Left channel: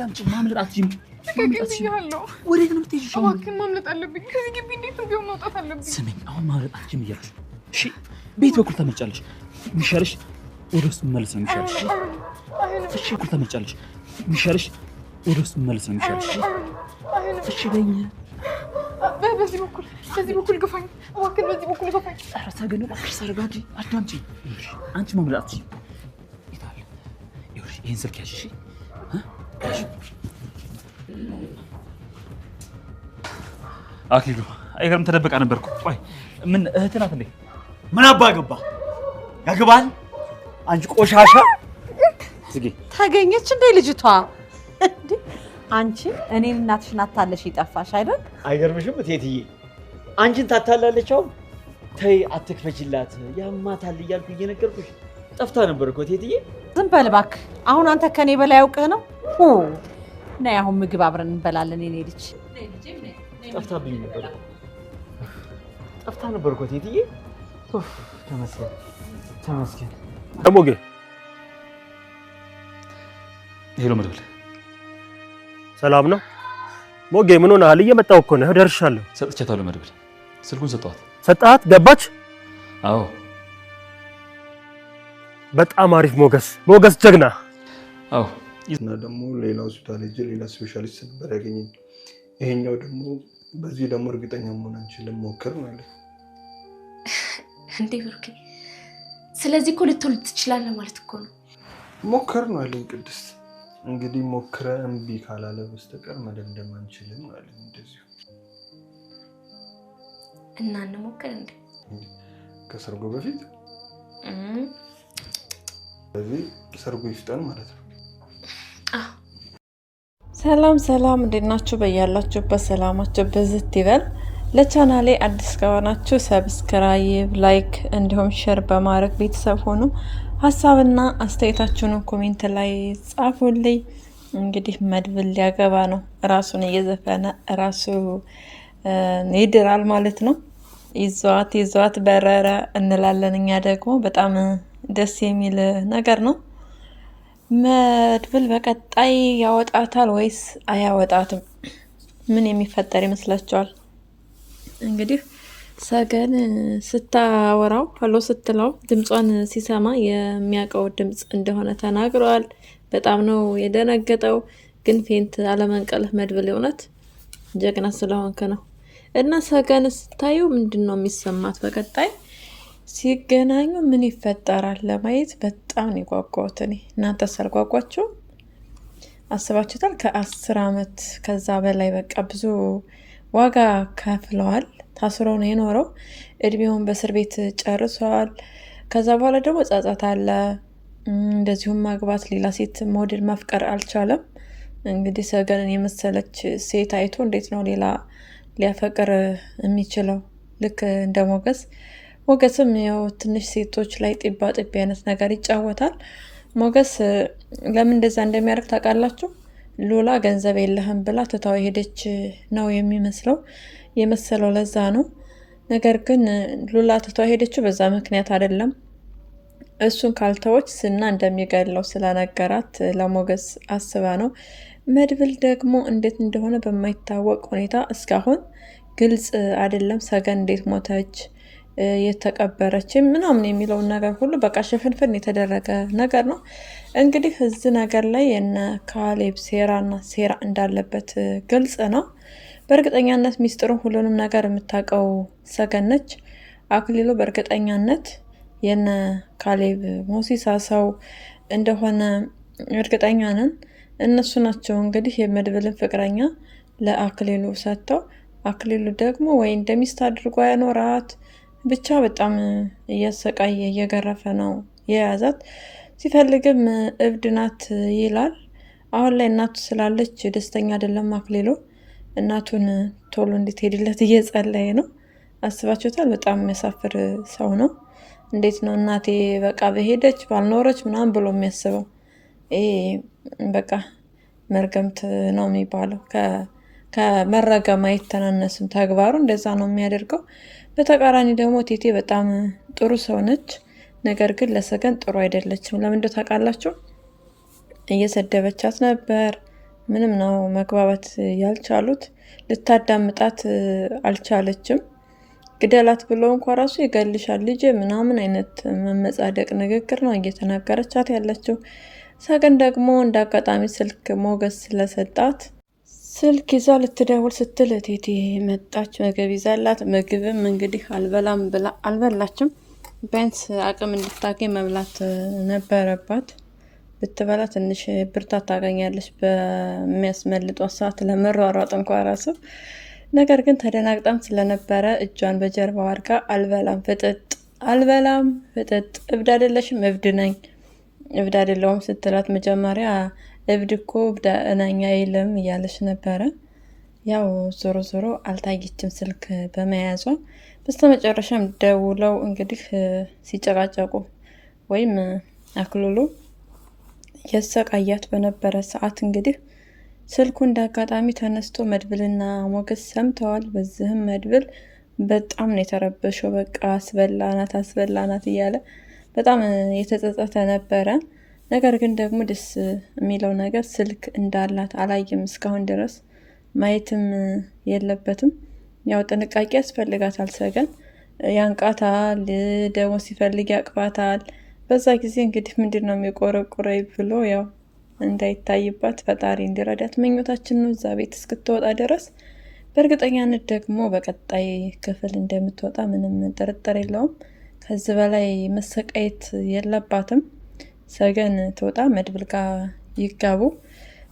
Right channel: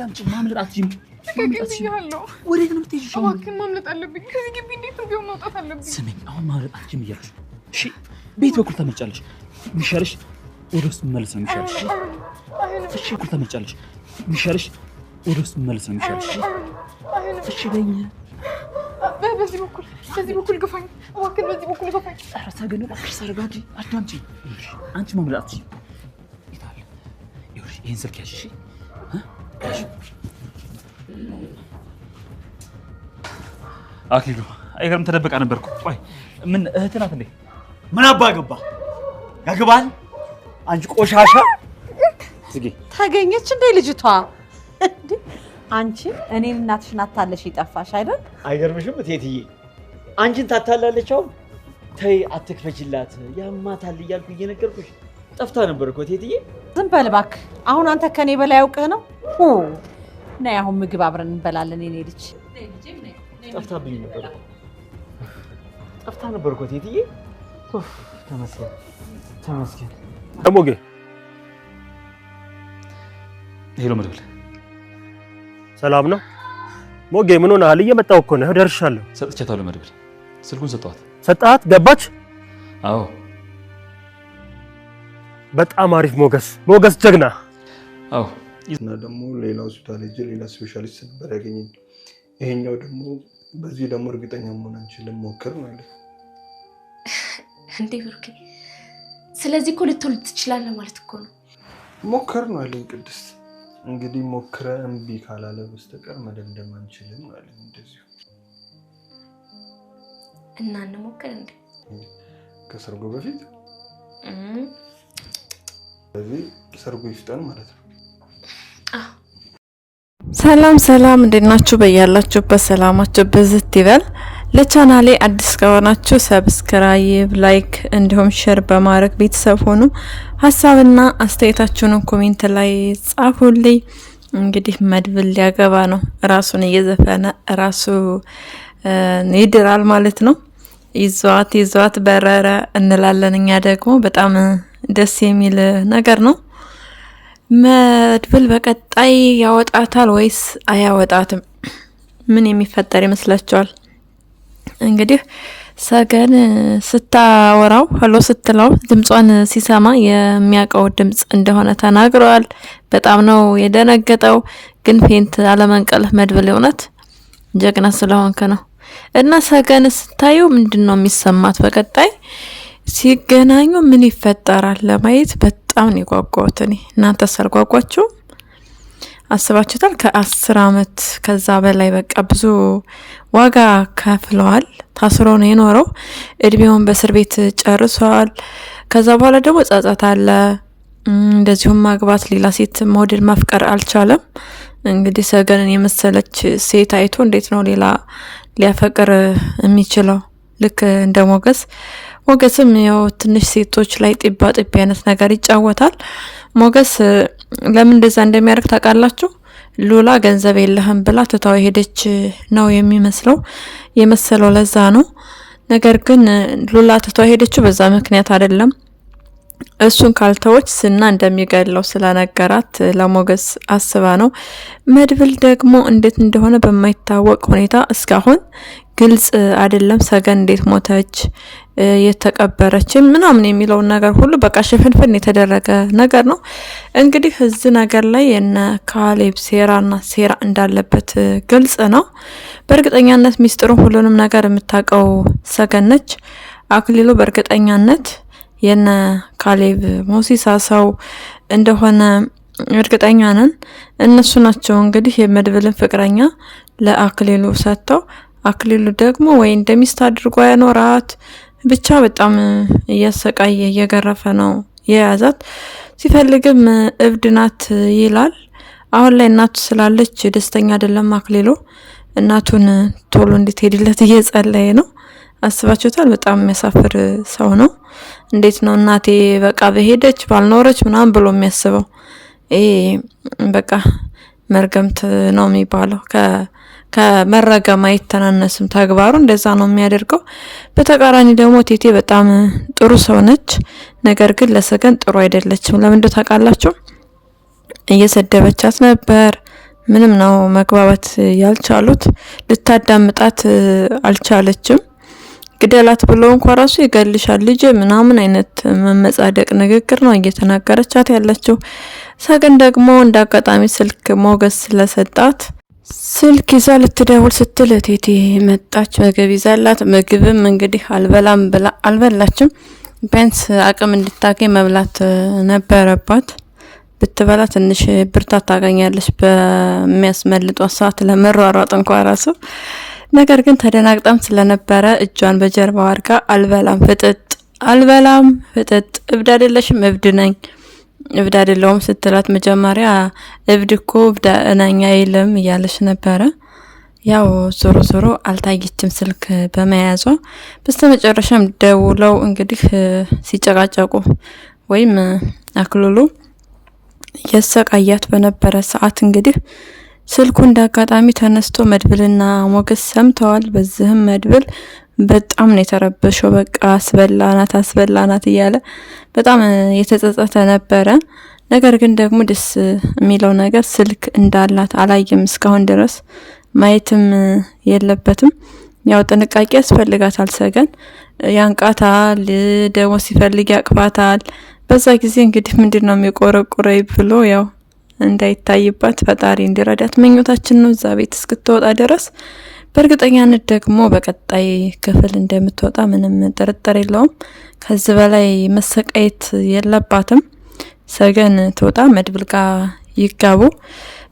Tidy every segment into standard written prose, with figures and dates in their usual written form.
አዳምጪ ማምለጥ አትችይም ያለው ወዴት ነው የምትሄጂው እባክህ ማምለጥ አለብኝ ከዚህ ግቢ እንዴት ቢሆን መውጣት አለብኝ ስሚኝ አሁን ማምለጥ አትችይም እያልኩሽ እሺ ቤት በኩል ተመጫለሽ ሚሻልሽ ወደ ውስጥ መመለስ ነው ሚሻልሽ እሺ በኩል ተመጫለሽ ሚሻልሽ ወደ ውስጥ መመለስ ነው ሚሻልሽ እሺ በይኝ በዚህ በኩል ገፋኝ እባክህ በዚህ በኩል ገፋኝ ኧረ ሰገን እባክሽ ተረጋጊ አዳምጪ አንቺ ማምለጥ አትችይም ይታል ይኸውልሽ ይሄን ስልክ ያዥ እሺ አክሊሉ አይገርም ተደብቃ ነበርኩ ቆይ ምን እህት ናት እንዴ ምን አባ ገባ ያገባል አንቺ ቆሻሻ ዝጊ ታገኘች እንዴ ልጅቷ እንዴ አንቺ እኔን እናትሽን አታለሽ ይጠፋሽ አይደል አይገርምሽም እቴትዬ አንቺን ታታላለች አሁን ተይ አትክፈችላት ያማታል እያልኩ እየነገርኩሽ ጠፍታ ነበር እኮ እቴትዬ ዝም በል እባክህ አሁን አንተ ከኔ በላይ ያውቀህ ነው ነይ አሁን ምግብ አብረን እንበላለን እኔ ልጅ ጠፍታብኝ ነበር ጠፍታ ነበር እኮ እቴትዬ ተመስገን ደሞጌ ሄሎ መድብል ሰላም ነው ሞጌ ምን ሆነሃል እየመጣሁ እኮ ነው ደርሻለሁ ሰጥቻታለሁ መድብል ስልኩን ሰጣት ገባች አዎ በጣም አሪፍ ሞገስ ጀግና አዎ እና ደግሞ ሌላ ሆስፒታል ሄጄ ሌላ ስፔሻሊስት ነበር ያገኘኝ ይሄኛው ደግሞ በዚህ ደግሞ እርግጠኛ መሆን አንችልም ሞክር ነው ያለው እንዴ ብሩኬ ስለዚህ እኮ ልትወልድ ትችላለህ ማለት እኮ ነው ሞክር ነው ያለኝ ቅድስት እንግዲህ ሞክረ እምቢ ካላለ በስተቀር መደምደም አንችልም ነው ያለኝ እንደዚህ እና እንሞክር እንዴ ከሰርጎ በፊት ስለዚህ ሰርጎ ይፍጠን ማለት ነው ሰላም እንዴት ናችሁ በያላችሁበት ሰላማችሁ በዝት ይበል ለቻናሌ አዲስ ከሆናችሁ ሰብስክራይብ ላይክ እንዲሁም ሼር በማድረግ ቤተሰብ ሆኑ ሐሳብና አስተያየታችሁን ኮሜንት ላይ ጻፉልኝ እንግዲህ መድብል ሊያገባ ነው ራሱን እየዘፈነ ራሱ ይድራል ማለት ነው ይዟት በረረ እንላለን እኛ ደግሞ በጣም ደስ የሚል ነገር ነው መድብል በቀጣይ ያወጣታል ወይስ አያወጣትም ምን የሚፈጠር ይመስላችኋል እንግዲህ ሰገን ስታወራው ሄሎ ስትለው ድምጿን ሲሰማ የሚያቀው ድምጽ እንደሆነ ተናግሯል በጣም ነው የደነገጠው ግን ፌንት አለመንቀል መድብል የሆነት ጀግና ስለሆንከ ነው እና ሰገን ስታዩ ምንድነው የሚሰማት በቀጣይ ሲገናኙ ምን ይፈጠራል ለማየት በጣም ነው የጓጓሁት እኔ እናንተ ሰርጓጓችሁ አስባችሁታል ከ10 አመት ከዛ በላይ በቃ ብዙ ዋጋ ከፍለዋል ታስሮ ነው የኖረው እድሜውን በእስር ቤት ጨርሷል ከዛ በኋላ ደግሞ ጻጻት አለ እንደዚሁም ማግባት ሌላ ሴት ሞዴል ማፍቀር አልቻለም እንግዲህ ሰገንን የመሰለች ሴት አይቶ እንዴት ነው ሌላ ሊያፈቅር የሚችለው ልክ እንደ ሞገስም ያው ትንሽ ሴቶች ላይ ጥባ አይነት ነገር ይጫወታል ሞገስ ለምን እንደዛ እንደሚያርክ ታውቃላችሁ ሉላ ገንዘብ የለህም ብላ ተታው ሄደች ነው የመሰለው ለዛ ነው ነገር ግን ሉላ ተታው ሄደችው በዛ ምክንያት አይደለም እሱን ካልተወች ስና እንደሚገለው ስለነገራት ለሞገስ አስባ ነው መድብል ደግሞ እንዴት እንደሆነ በማይታወቅ ሁኔታ እስካሁን ግልጽ አይደለም ሰገን እንዴት ሞተች የተቀበረች ምናምን የሚለው ነገር ሁሉ በቃ ሽፍንፍን የተደረገ ነገር ነው እንግዲህ እዚህ ነገር ላይ የነ ካሌብ ሴራ እንዳለበት ግልጽ ነው በእርግጠኛነት ሚስጥሩ ሁሉንም ነገር የምታቀው ሰገን ነች አክሊሉ በእርግጠኛነት የነ ካሌብ ሞሲሳ ሰው እንደሆነ እርግጠኛ ነን እነሱ ናቸው እንግዲህ የመድብልን ፍቅረኛ ለአክሊሉ ሰጥተው አክሊሉ ደግሞ ወይ እንደሚስት አድርጎ ያኖራት ብቻ በጣም እያሰቃየ እየገረፈ ነው የያዛት ሲፈልግም እብድናት ይላል አሁን ላይ እናቱ ስላለች ደስተኛ አይደለም አክሊሉ እናቱን ቶሎ እንድትሄድለት እየጸለየ ነው አስባችሁታል በጣም የሚያሳፍር ሰው ነው እንዴት ነው እናቴ በቃ በሄደች ባልኖረች ምናምን ብሎ የሚያስበው በቃ መርገምት ነው የሚባለው ከመረገም አይተናነስም ተግባሩ እንደዛ ነው የሚያደርገው በተቃራኒ ደግሞ ቴቴ በጣም ጥሩ ሰው ነች ነገር ግን ለሰገን ጥሩ አይደለችም ለምን እንደው ታውቃላችሁ እየሰደበቻት ነበር ምንም ነው መግባባት ያልቻሉት። ልታዳምጣት አልቻለችም። ግደላት ብሎ እንኳን ራሱ ይገልሻል ልጅ ምናምን አይነት መመጻደቅ ንግግር ነው እየተናገረቻት ያለችው። ሰገን ደግሞ እንዳጋጣሚ ስልክ ሞገስ ስለሰጣት ስልክ ይዛ ልትደውል ስትል እቴቴ መጣች። ምግብ ይዛላት፣ ምግብም እንግዲህ አልበላም ብላ አልበላችም። ቢያንስ አቅም እንድታገኝ መብላት ነበረባት። ብትበላ ትንሽ ብርታት ታገኛለች በሚያስመልጧት ሰዓት ለመሯሯጥ እንኳን ራሱ። ነገር ግን ተደናግጣም ስለነበረ እጇን በጀርባው አድርጋ አልበላም ፍጥጥ እብድ አይደለሽም? እብድ ነኝ። እብድ አይደለሁም ስትላት መጀመሪያ እብድ እኮ እብድ ነኝ አይልም እያለች ነበረ። ያው ዞሮ አልታየችም ስልክ በመያዟ። በስተመጨረሻም ደውለው እንግዲህ ሲጨቃጨቁ ወይም አክሉሉ የሰቃያት በነበረ ሰዓት እንግዲህ ስልኩ እንዳጋጣሚ ተነስቶ መድብልና ሞገስ ሰምተዋል። በዚህም መድብል በጣም ነው የተረበሸው። በቃ አስበላናት እያለ በጣም የተጸጸተ ነበረ። ነገር ግን ደግሞ ደስ የሚለው ነገር ስልክ እንዳላት አላየም እስካሁን ድረስ። ማየትም የለበትም። ያው ጥንቃቄ ያስፈልጋታል። ሰገን ያንቃታል፣ ደግሞ ሲፈልግ ያቅፋታል። በዛ ጊዜ እንግዲህ ምንድነው የሚቆረቁረኝ ብሎ ያው እንዳይታይባት ፈጣሪ እንዲረዳት ምኞታችን ነው እዛ ቤት እስክትወጣ ድረስ። በእርግጠኛነት ደግሞ በቀጣይ ክፍል እንደምትወጣ ምንም ጥርጥር የለውም። ከዚህ በላይ መሰቃየት የለባትም። ሰገን ትወጣ፣ መድብል ጋር ይጋቡ።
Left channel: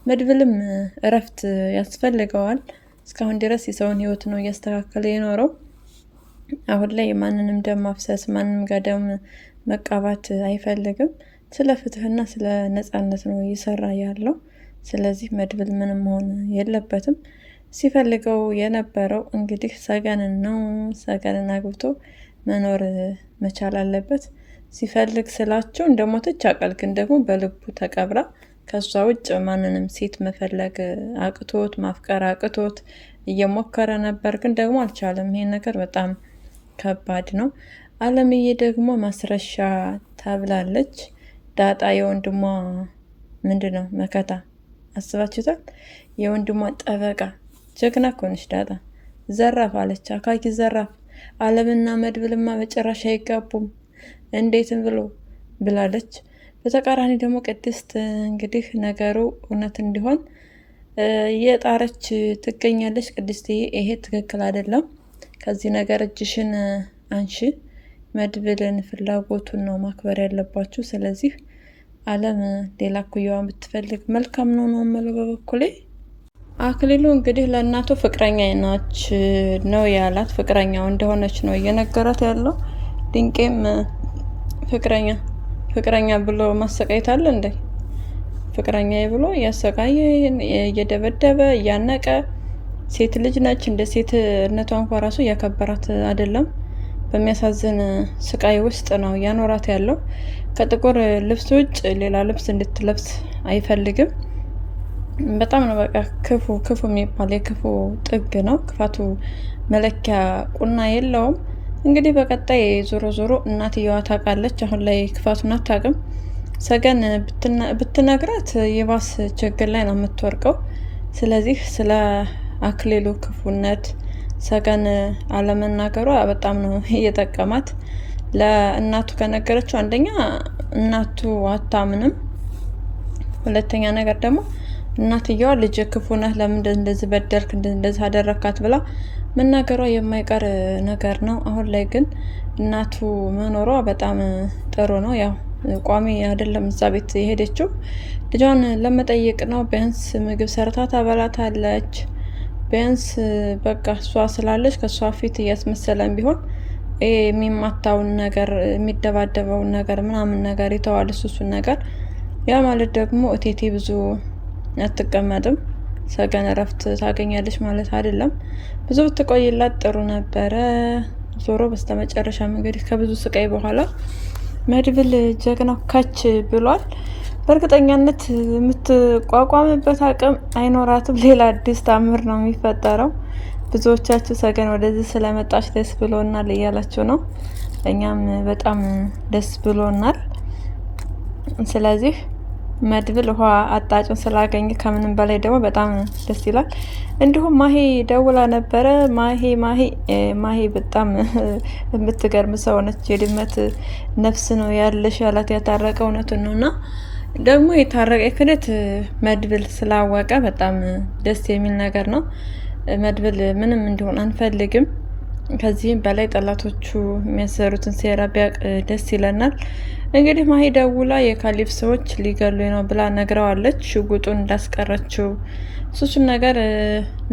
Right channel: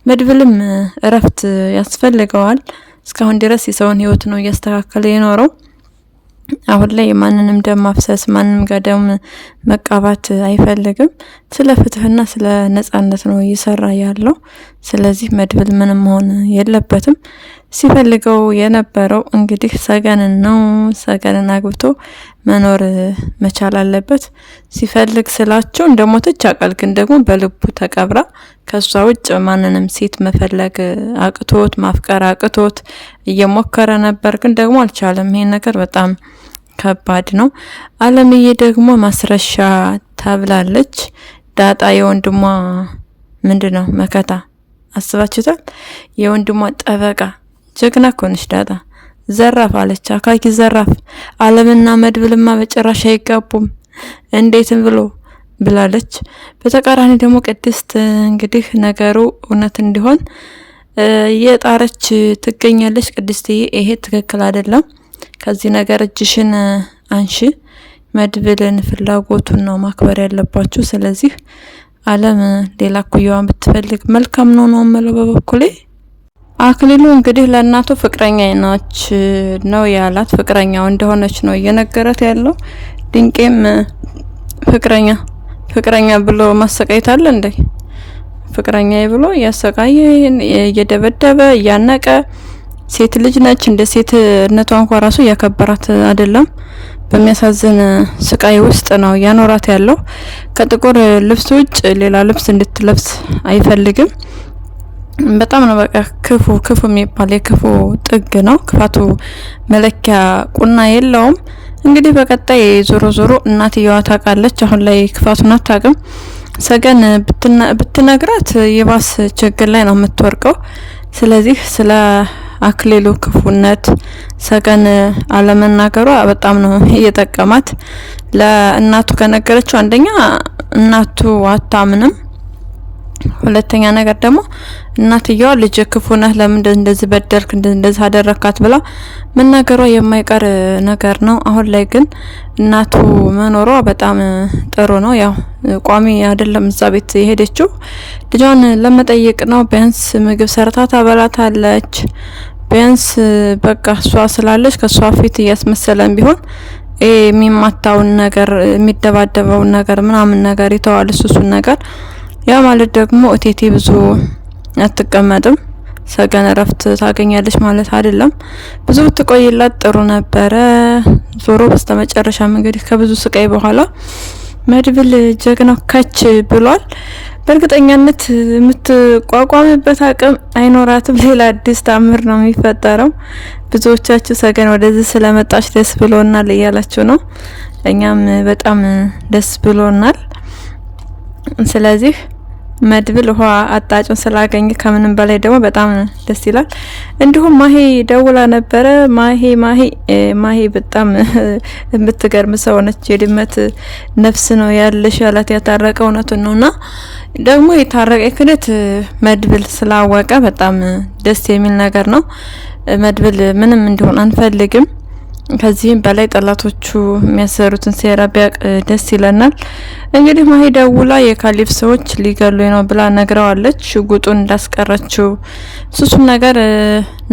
መድብልም እረፍት ያስፈልገዋል። እስካሁን ድረስ የሰውን ሕይወት ነው እያስተካከለ የኖረው። አሁን ላይ ማንንም ደም ማፍሰስ፣ ማንንም ጋር ደም መቃባት አይፈልግም። ስለ ፍትህና ስለ ነጻነት ነው እየሰራ ያለው። ስለዚህ መድብል ምንም መሆን የለበትም። ሲፈልገው የነበረው እንግዲህ ሰገንን ነው። ሰገንን አግብቶ መኖር መቻል አለበት። ሲፈልግ ስላቸው እንደሞተች አቃል፣ ግን ደግሞ በልቡ ተቀብራ ከሷ ውጭ ማንንም ሴት መፈለግ አቅቶት ማፍቀር አቅቶት እየሞከረ ነበር፣ ግን ደግሞ አልቻለም። ይሄን ነገር በጣም ከባድ ነው። አለምዬ ደግሞ ማስረሻ ታብላለች። ዳጣ የወንድሟ ምንድነው መከታ አስባችሁታል? የወንድሟ ጠበቃ ጀግና ኮንሽ ዳጣ። ዘራፍ አለች፣ አካኪ ዘራፍ። አለምና መድብልማ በጭራሽ አይጋቡም እንዴትም ብሎ ብላለች። በተቃራኒ ደግሞ ቅድስት እንግዲህ ነገሩ እውነት እንዲሆን የጣረች ትገኛለች። ቅድስትዬ ይሄ ትክክል አይደለም፣ ከዚህ ነገር እጅሽን አንሺ። መድብልን ፍላጎቱን ነው ማክበር ያለባችሁ። ስለዚህ አለም ሌላ ኩያዋን ብትፈልግ መልካም ነው ነው የምለው በበኩሌ። አክሊሉ እንግዲህ ለእናቱ ፍቅረኛ ናች ነው ያላት። ፍቅረኛው እንደሆነች ነው እየነገረት ያለው። ድንቄም ፍቅረኛ ብሎ ማሰቃየት አለ እንዴ? ፍቅረኛ ብሎ እያሰቃየ እየደበደበ እያነቀ፣ ሴት ልጅ ነች። እንደ ሴትነቷ እንኳን ራሱ እያከበራት አይደለም። በሚያሳዝን ስቃይ ውስጥ ነው ያኖራት ያለው። ከጥቁር ልብስ ውጭ ሌላ ልብስ እንድትለብስ አይፈልግም። በጣም ነው በቃ ክፉ የሚባል የክፉ ጥግ ነው። ክፋቱ መለኪያ ቁና የለውም። እንግዲህ በቀጣይ ዞሮ እናትየዋ ታውቃለች። አሁን ላይ ክፋቱን አታውቅም። ሰገን ብትነግራት የባስ ችግር ላይ ነው የምትወርቀው። ስለዚህ ስለ አክሊሉ ክፉነት ሰገን አለመናገሯ በጣም ነው እየጠቀማት። ለእናቱ ከነገረችው አንደኛ እናቱ አታምንም፣ ሁለተኛ ነገር ደግሞ እናትየዋ ልጅ ክፉ ነህ፣ ለምን እንደዚህ በደልክ፣ እንደዚህ አደረካት ብላ መናገሯ የማይቀር ነገር ነው። አሁን ላይ ግን እናቱ መኖሯ በጣም ጥሩ ነው። ያው ቋሚ አይደለም እዛ ቤት የሄደችው ልጇን ለመጠየቅ ነው። ቢያንስ ምግብ ሰርታ ታበላታለች። ቢያንስ በቃ እሷ ስላለች ከሷ ፊት እያስመሰለን ቢሆን የሚማታውን ነገር የሚደባደበውን ነገር ምናምን ነገር ይተዋል እሱን ነገር። ያ ማለት ደግሞ እቴቴ ብዙ አትቀመጥም፣ ሰገን እረፍት ታገኛለች ማለት አይደለም። ብዙ ብትቆይላት ጥሩ ነበረ። ዞሮ በስተመጨረሻም እንግዲህ ከብዙ ስቃይ በኋላ መድብል ጀግናው ከች ብሏል። በእርግጠኛነት የምትቋቋምበት አቅም አይኖራትም። ሌላ አዲስ ታምር ነው የሚፈጠረው። ብዙዎቻችሁ ሰገን ወደዚህ ስለመጣች ደስ ብሎናል እያላችሁ ነው። እኛም በጣም ደስ ብሎናል። ስለዚህ መድብል ውሃ አጣጩን ስላገኘ ከምንም በላይ ደግሞ በጣም ደስ ይላል። እንዲሁም ማሂ ደውላ ነበረ። ማሂ በጣም የምትገርም ሰው ነች። የድመት ነፍስ ነው ያለሽ ያላት ያታረቀ እውነቱን ነውና ደግሞ የታረቀ ክደት መድብል ስላወቀ በጣም ደስ የሚል ነገር ነው። መድብል ምንም እንዲሆን አንፈልግም። ከዚህም በላይ ጠላቶቹ የሚያሰሩትን ሴራ ቢያቅ ደስ ይለናል። እንግዲህ ማሂ ደውላ የካሊፍ ሰዎች ሊገሉ ነው ብላ ነግረዋለች። ሽጉጡን እንዳስቀረችው ሱሱም ነገር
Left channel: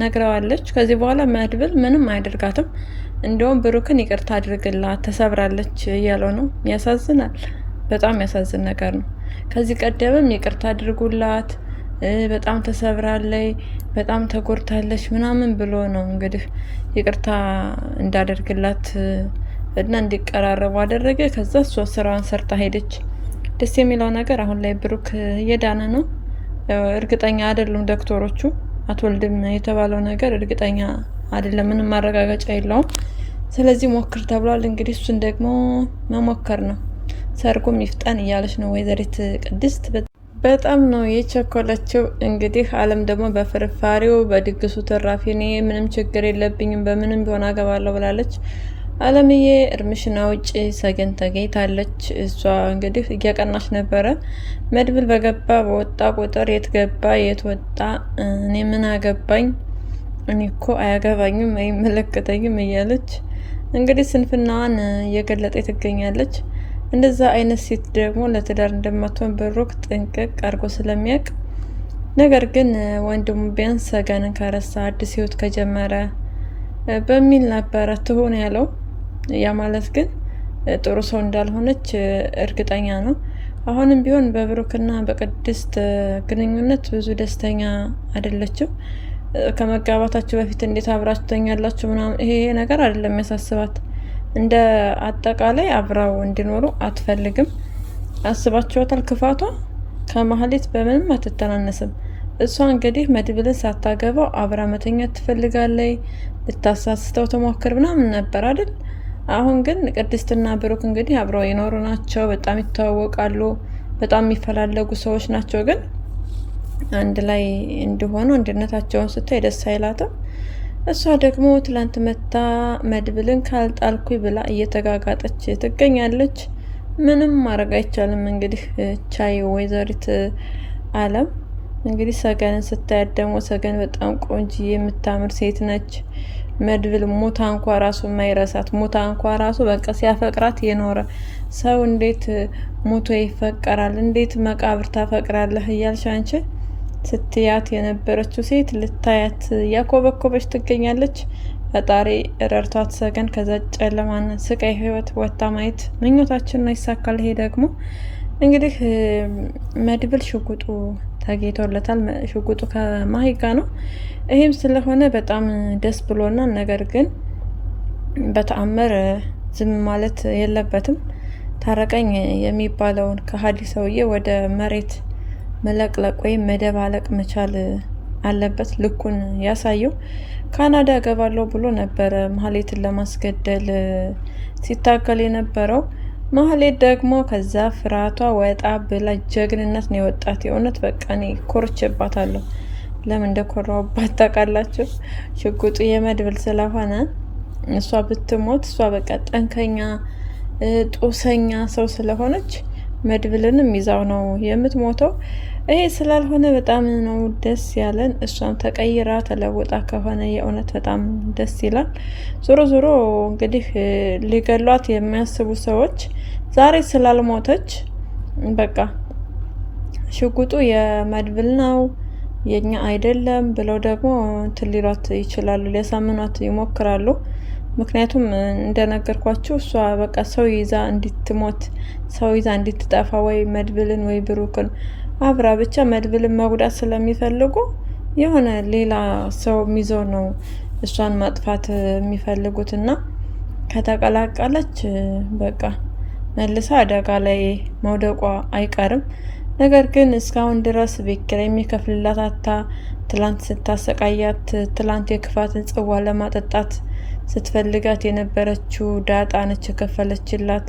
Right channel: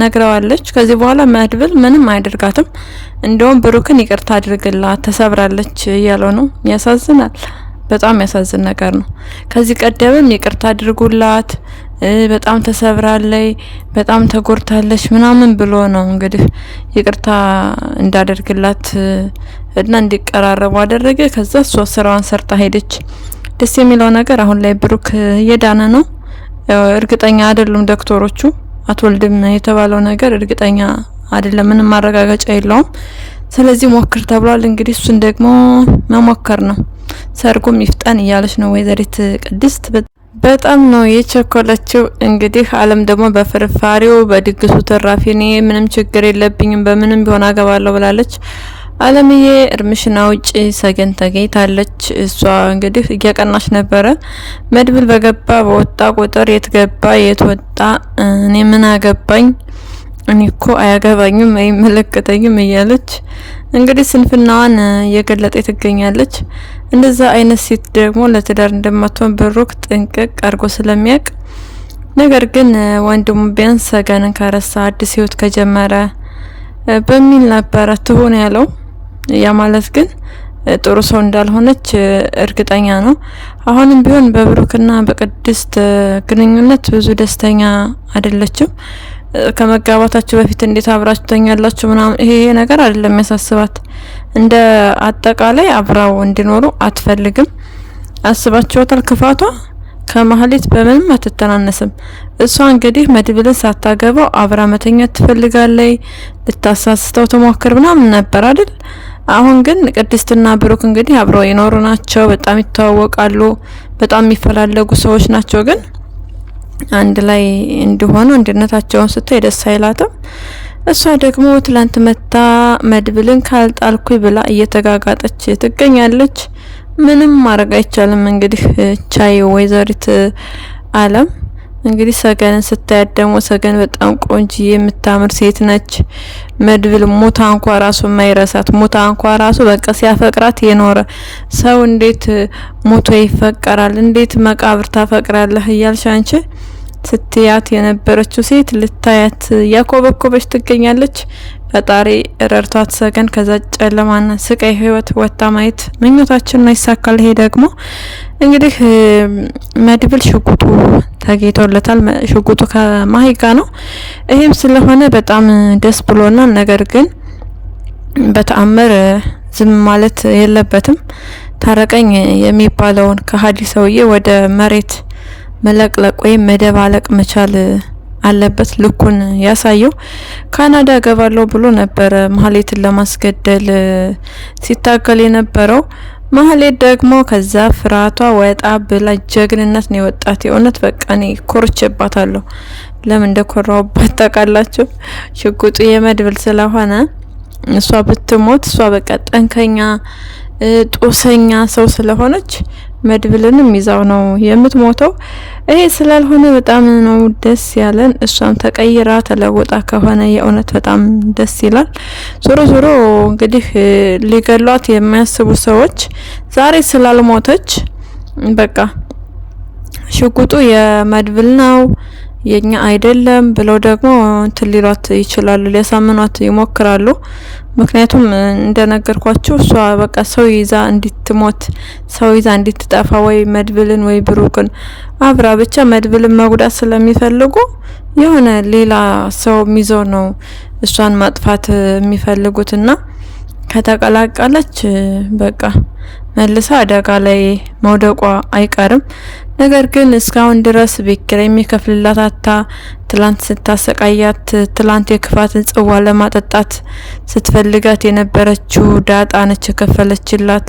ነግረዋለች። ከዚህ በኋላ መድብል ምንም አይደርጋትም። እንደውም ብሩክን ይቅርታ አድርግላት ተሰብራለች እያለው ነው። ያሳዝናል። በጣም ያሳዝን ነገር ነው። ከዚህ ቀደምም ይቅርታ አድርጉላት በጣም ተሰብራለች፣ በጣም ተጎድታለች ምናምን ብሎ ነው እንግዲህ ይቅርታ እንዳደርግላት እና እንዲቀራረቡ አደረገ። ከዛ እሷ ስራዋን ሰርታ ሄደች። ደስ የሚለው ነገር አሁን ላይ ብሩክ እየዳነ ነው። እርግጠኛ አይደሉም ዶክተሮቹ። አትወልድም የተባለው ነገር እርግጠኛ አይደለም፣ ምንም ማረጋገጫ የለውም። ስለዚህ ሞክር ተብሏል። እንግዲህ እሱን ደግሞ መሞከር ነው። ሰርጉም ይፍጠን እያለች ነው ወይዘሪት ቅድስት። በጣም ነው የቸኮለችው። እንግዲህ አለም ደግሞ በፍርፋሪው በድግሱ ተራፊ እኔ ምንም ችግር የለብኝም በምንም ቢሆን አገባለሁ ብላለች። አለምዬ እርምሽና ውጪ ሰገን ተገኝታለች። እሷ እንግዲህ እየቀናች ነበረ። መድብል በገባ በወጣ ቁጥር የት ገባ የት ወጣ እኔ ምን አገባኝ እኔ እኮ አያገባኝም አይመለከተኝም እያለች እንግዲህ ስንፍናዋን እየገለጠ ትገኛለች። እንደዛ አይነት ሴት ደግሞ ለትዳር እንደማትሆን ብሩክ ጥንቅቅ አድርጎ ስለሚያውቅ፣ ነገር ግን ወንድሙ ቢያንስ ሰገንን ከረሳ አዲስ ህይወት ከጀመረ በሚል ነበረ ትሆን ያለው። ያ ማለት ግን ጥሩ ሰው እንዳልሆነች እርግጠኛ ነው። አሁንም ቢሆን በብሩክና በቅድስት ግንኙነት ብዙ ደስተኛ አይደለችም። ከመጋባታችሁ በፊት እንዴት አብራችሁ ተኛላችሁ ምናምን ይሄ ነገር አይደለም ያሳስባት። እንደ አጠቃላይ አብራው እንዲኖሩ አትፈልግም። አስባችኋታል? ክፋቷ ከማህሌት በምንም አትተናነስም። እሷ እንግዲህ መድብልን ሳታገባው አብራ መተኛት ትፈልጋለች። ልታሳስተው ተሞክር ምናምን ነበር አይደል? አሁን ግን ቅድስትና ብሩክ እንግዲህ አብረው ይኖሩ ናቸው። በጣም ይተዋወቃሉ። በጣም የሚፈላለጉ ሰዎች ናቸው። ግን አንድ ላይ እንዲሆኑ አንድነታቸውን ስታይ ደስ አይላትም። እሷ ደግሞ ትላንት መታ መድብልን ካልጣልኩኝ ብላ እየተጋጋጠች ትገኛለች። ምንም ማድረግ አይቻልም። እንግዲህ ቻይ ወይዘሪት አለም እንግዲህ ሰገንን ስታያት ደግሞ ሰገን በጣም ቆንጆ የምታምር ሴት ነች። መድብል ሙታ እንኳ ራሱ ማይረሳት ሙታ እንኳ ራሱ በቃ ሲያፈቅራት የኖረ ሰው እንዴት ሙቶ ይፈቀራል? እንዴት መቃብር ታፈቅራለህ? እያልሽ አንቺ ስትያት የነበረችው ሴት ልታያት ያኮበኮበች ትገኛለች። ፈጣሪ ረድቷት ሰገን ከዛ ጨለማና ስቃይ ህይወት ወጣ ማየት ምኞታችን ነው። ይሳካል። ይሄ ደግሞ እንግዲህ መድብል ሽጉጡ ተገኝቶለታል። ሽጉጡ ከማሂ ጋር ነው። ይሄም ስለሆነ በጣም ደስ ብሎናል። ነገር ግን በተአምር ዝም ማለት የለበትም። ታረቀኝ የሚባለውን ከሀዲ ሰውዬ ወደ መሬት መለቅለቅ ወይም መደባለቅ መቻል አለበት። ልኩን ያሳየው። ካናዳ ገባለሁ ብሎ ነበር ማህሌትን ለማስገደል ሲታገል የነበረው። ማህሌት ደግሞ ከዛ ፍራቷ ወጣ ብላ ጀግንነት ነው የወጣት። የእውነት በቃ እኔ ኮርቼባታለሁ። ለምን እንደኮራውባት ታውቃላችሁ? ሽጉጡ የመድብል ስለሆነ እሷ ብትሞት እሷ በቃ ጠንከኛ ጦሰኛ ሰው ስለሆነች መድብልንም ይዛው ነው የምትሞተው። ይሄ ስላልሆነ በጣም ነው ደስ ያለን። እሷም ተቀይራ ተለውጣ ከሆነ የእውነት በጣም ደስ ይላል። ዞሮ ዞሮ እንግዲህ ሊገሏት የሚያስቡ ሰዎች ዛሬ ስላልሞተች በቃ ሽጉጡ የመድብል ነው የኛ አይደለም ብለው ደግሞ ትሊሏት ይችላሉ፣ ሊያሳምኗት ይሞክራሉ። ምክንያቱም እንደነገርኳችሁ እሷ በቃ ሰው ይዛ እንድትሞት ሰው ይዛ እንድትጠፋ ወይ መድብልን ወይ ብሩክን አብራ ብቻ መድብልን መጉዳት ስለሚፈልጉ የሆነ ሌላ ሰው ይዘው ነው እሷን ማጥፋት የሚፈልጉትና ከተቀላቀለች በቃ መልሳ አደጋ ላይ መውደቋ አይቀርም። ነገር ግን እስካሁን ድረስ ቤት ኪራይ የሚከፍልላት አታ ትላንት ስታሰቃያት ትላንት የክፋትን ጽዋ ለማጠጣት ስትፈልጋት የነበረችው ዳጣ ነች የከፈለችላት።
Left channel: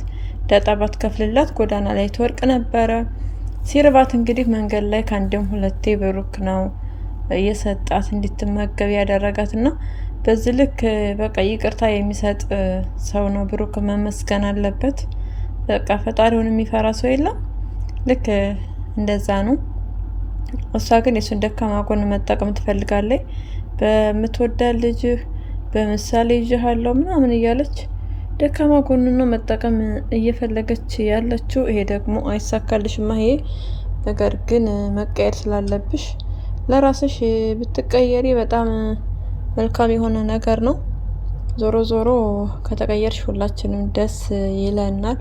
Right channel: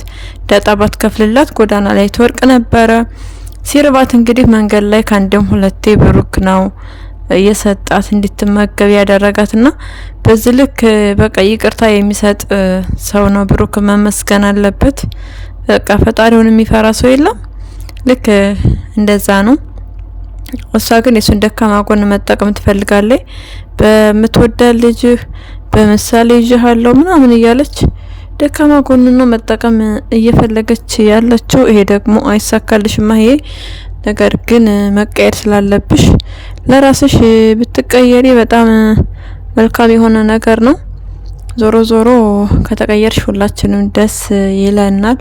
ዳጣ ባትከፍልላት ጎዳና ላይ ትወርቅ ነበረ። ሲርባት እንግዲህ መንገድ ላይ ከአንድም ሁለቴ ብሩክ ነው እየሰጣት እንድትመገብ ያደረጋትና በዚህ ልክ በቃ ይቅርታ የሚሰጥ ሰው ነው ብሩክ፣ መመስገን አለበት። በቃ ፈጣሪውን የሚፈራ ሰው የለም። ልክ እንደዛ ነው። እሷ ግን የሱን ደካማ ጎን መጠቀም ትፈልጋለች። በምትወዳ ልጅህ በምሳሌ ይዤሃለሁ ምናምን እያለች ደካማ ጎን ነው መጠቀም እየፈለገች ያለችው። ይሄ ደግሞ አይሳካልሽማ። ይሄ ነገር ግን መቀየር ስላለብሽ ለራስሽ ብትቀየሪ በጣም መልካም የሆነ ነገር ነው። ዞሮ ዞሮ ከተቀየርሽ ሁላችንም ደስ ይለናል።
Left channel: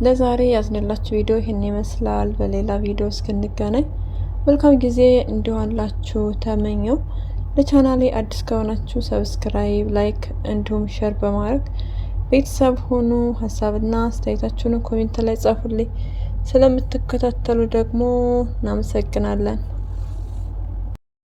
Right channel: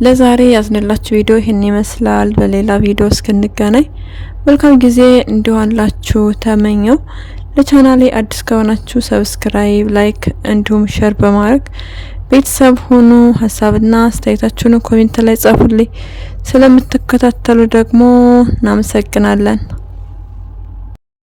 ለዛሬ ያዝንላችሁ ቪዲዮ ይህን ይመስላል። በሌላ ቪዲዮ እስክንገናኝ መልካም ጊዜ እንዲሆንላችሁ ተመኘው። ለቻናሌ አዲስ ከሆናችሁ ሰብስክራይብ፣ ላይክ እንዲሁም ሼር በማድረግ ቤተሰብ ሁኑ። ሀሳብና አስተያየታችሁን ኮሜንት ላይ ጻፉልኝ። ስለምትከታተሉ ደግሞ እናመሰግናለን።